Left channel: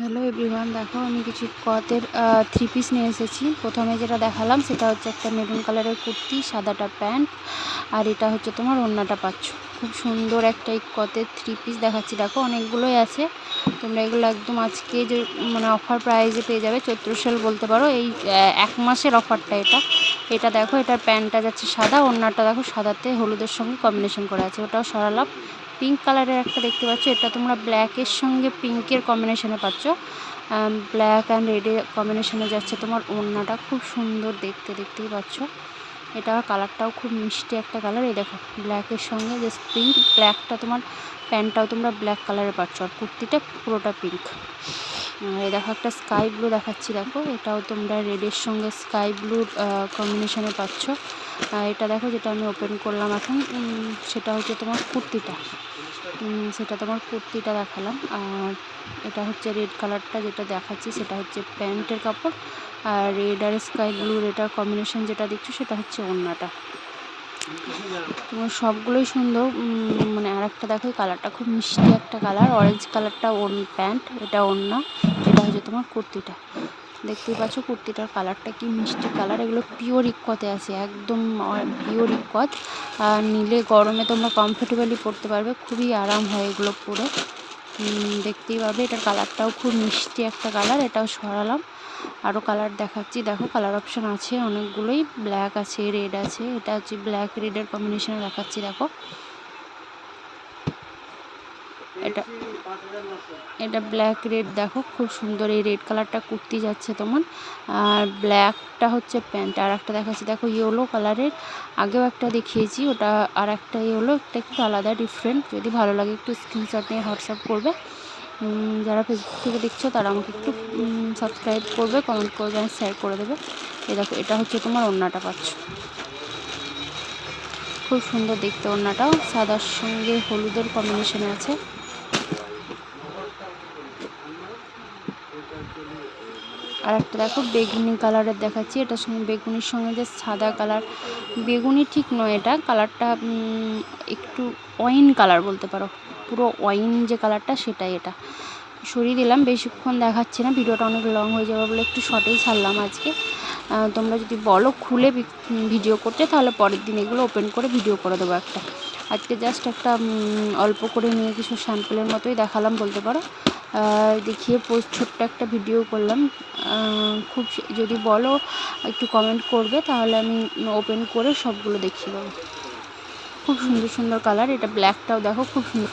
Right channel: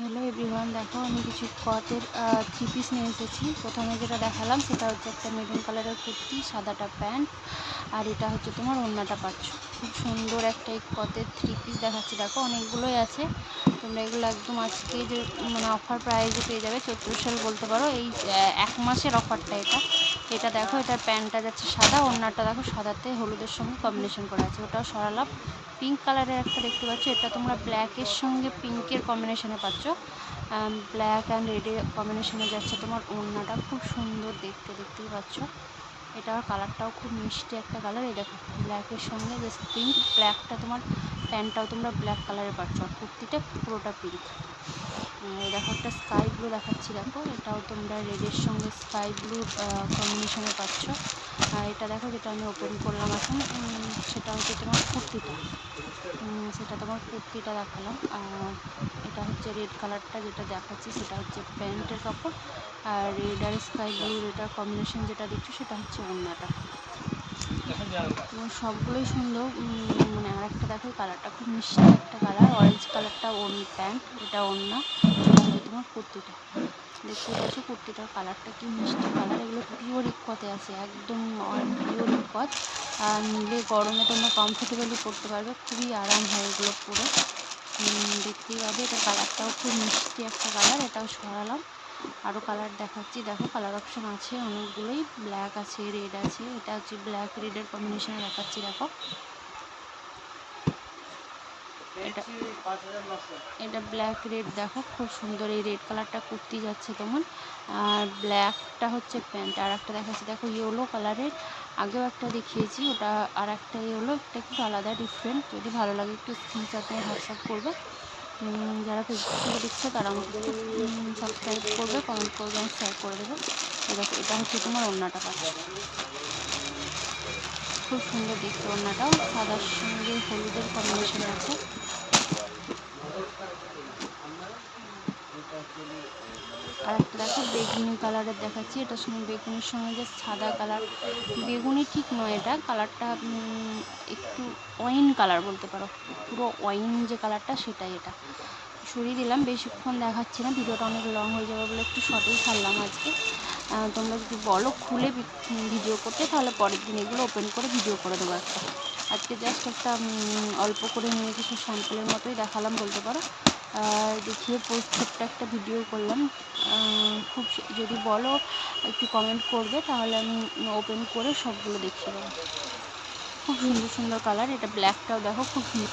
Hello everyone, দেখো আমি কিছু কটের থ্রি পিস নিয়ে এসেছি। প্রথমে যেটা দেখালাম সেটা হচ্ছে একটা মেরুন কালারের কুর্তি, সাদাটা প্যান্ট, আর এটা হচ্ছে তোমার ওড়নাটা পাচ্ছ। খুব সুন্দর একটা এই কটের থ্রি পিস দেখাচ্ছি। দেখো অনেকগুলোই আছে, তোমরা এগুলো একদম আজকে যে মানে অফার প্রাইসে পেয়ে যাবে। চৈত্র সেল বলতে পারো, এই এক মাসের অফারটা এটা। এটা দেখো, এটার প্যান্টটা যাচ্ছে সাদা, ওড়নাটা দেখো সাদাতে হলুদের সঙ্গে কম্বিনেশন করা আছে, ওটাও সরালাম। পিঙ্ক কালারের একটা দেখতে পাচ্ছ, এটা তোমরা ব্ল্যাকের সঙ্গে পিঙ্কের কম্বিনেশনে পাচ্ছ। ব্ল্যাক অ্যান্ড রেডের কম্বিনেশনে যাচ্ছে তোমার ওড়নাটা, খুব সুন্দর দেখতে, দেখতেই পাচ্ছ। এটা কালারটাও খুব মিষ্টি একটা কালার। এই দেখো ব্ল্যাকের সঙ্গে জাস্ট পিঙ্ক, ব্ল্যাকটা তোমার প্যান্টটাও তোমরা ব্ল্যাক কালারে পাচ্ছ, আর কুর্তিটা পুরোটা পিঙ্ক। এই দেখো একটা স্কাই ব্লু দেখাচ্ছি, দেখো এটাও তোমরা রেডের সঙ্গে স্কাই ব্লুর কম্বিনেশনে পাচ্ছ। এটা দেখো যেটা আমি ওপেন করলাম এখন, সেটা হচ্ছে তোমার কুর্তিটা। সেটা তোমার কুর্তিটা দেখালাম। আর এটা হচ্ছে রেড কালারটা যেটা দেখাচ্ছি, সেটা হচ্ছে প্যান্টের কাপড়। আর রেড আর স্কাই ব্লুর এটার কম্বিনেশন যেটা দেখছো সেটা হচ্ছে ওড়নাটা। তোমার সবগুলোই সুন্দর। মানে আর একটা দেখো, কালারটা খুব মিষ্টি একটা কালার, অরেঞ্জ কালারটা প্যান্ট, এটা ওড়না, এটা হচ্ছে তোমার কুর্তিটা। দেখতেই পাচ্ছ কুর্তিটার কালারটা কি মিষ্টি কালার। এগুলো পিওর ইক্কতে আছে, একদম পিওর ইক্কত। আর নিলে গরমে তোমরা কমফোর্টেবলি পরতে পারবে, খুবই আরাম হয় এগুলো পরে। দেখতেই পাবে এটার কালারটাও খুব মিষ্টি একটা কালার। এটাও সরালাম, আরও কালার দেখাচ্ছি। দেখো কালার অপশান আছে অনেকগুলোই, ব্ল্যাক আছে, রেড আছে। এটা হচ্ছে ব্ল্যাক রেডের কম্বিনেশনে দেখাচ্ছি। দেখো এটা এটা ব্ল্যাক রেড, দেখো খুব সুন্দর। এই রেড কালারটা কুর্তি যাচ্ছে তোমার, আর ব্ল্যাকটা হচ্ছে প্যান্ট। আর একটা দেখাচ্ছি দেখো ইয়েলো কালারের, আগেও একটা দেখিয়েছি, ওটা আর একটা ইয়েলো, একটা একটু আলাদা ডিফারেন্ট। যদি ভালো লাগে একটু স্ক্রিনশট নিয়ে হোয়াটসঅ্যাপ করবে। যারা ফেসবুক থেকে দেখছো তারা আমাকে একটু সাবস্ক্রাইব করবে, কমেন্ট করবে, আর শেয়ার করে দেবে। এই দেখো এটা হচ্ছে তোমার ওড়নাটা পাচ্ছ, খুব সুন্দর দেখতে। ওড়নাটাও সাদার সঙ্গে হলুদের কম্বিনেশনে আছে। আর একটা দেখো বেগুনি কালারের দেখাচ্ছি, এটার সঙ্গে বেগুনির সঙ্গে যে সাদা কালার, বেগুনি ঠিক নয়, এটা কালারটা একটু ওয়াইন কালার বলতে পারো, পুরো ওয়াইন যে কালারটা সেটাই। এটা সরিয়ে দিলাম, বেশিক্ষণ দেখাচ্ছি না, ভিডিওটা অনেক লং হয়ে যাবে বলে একটু শর্টেই ছাড়লাম আজকে। তোমরা যদি বলো খুলে ভিডিও করতে, তাহলে পরের দিন এগুলো ওপেন করে ভিডিও করে দেবো একটা। আজকে জাস্ট একটা অল্প করে নিয়ে কিছু স্যাম্পলের মতোই দেখালাম বলতে পারো, দেখিয়ে ছোট্ট একটা ভিডিও করলাম। খুব যদি বলো একটু কমেন্ট করবে, তাহলে আমি ওপেন করে সবগুলো দেখিয়ে দেবো। খুব সুন্দর সুন্দর কালার। এটা ব্ল্যাকটাও দেখো খুব সুন্দর।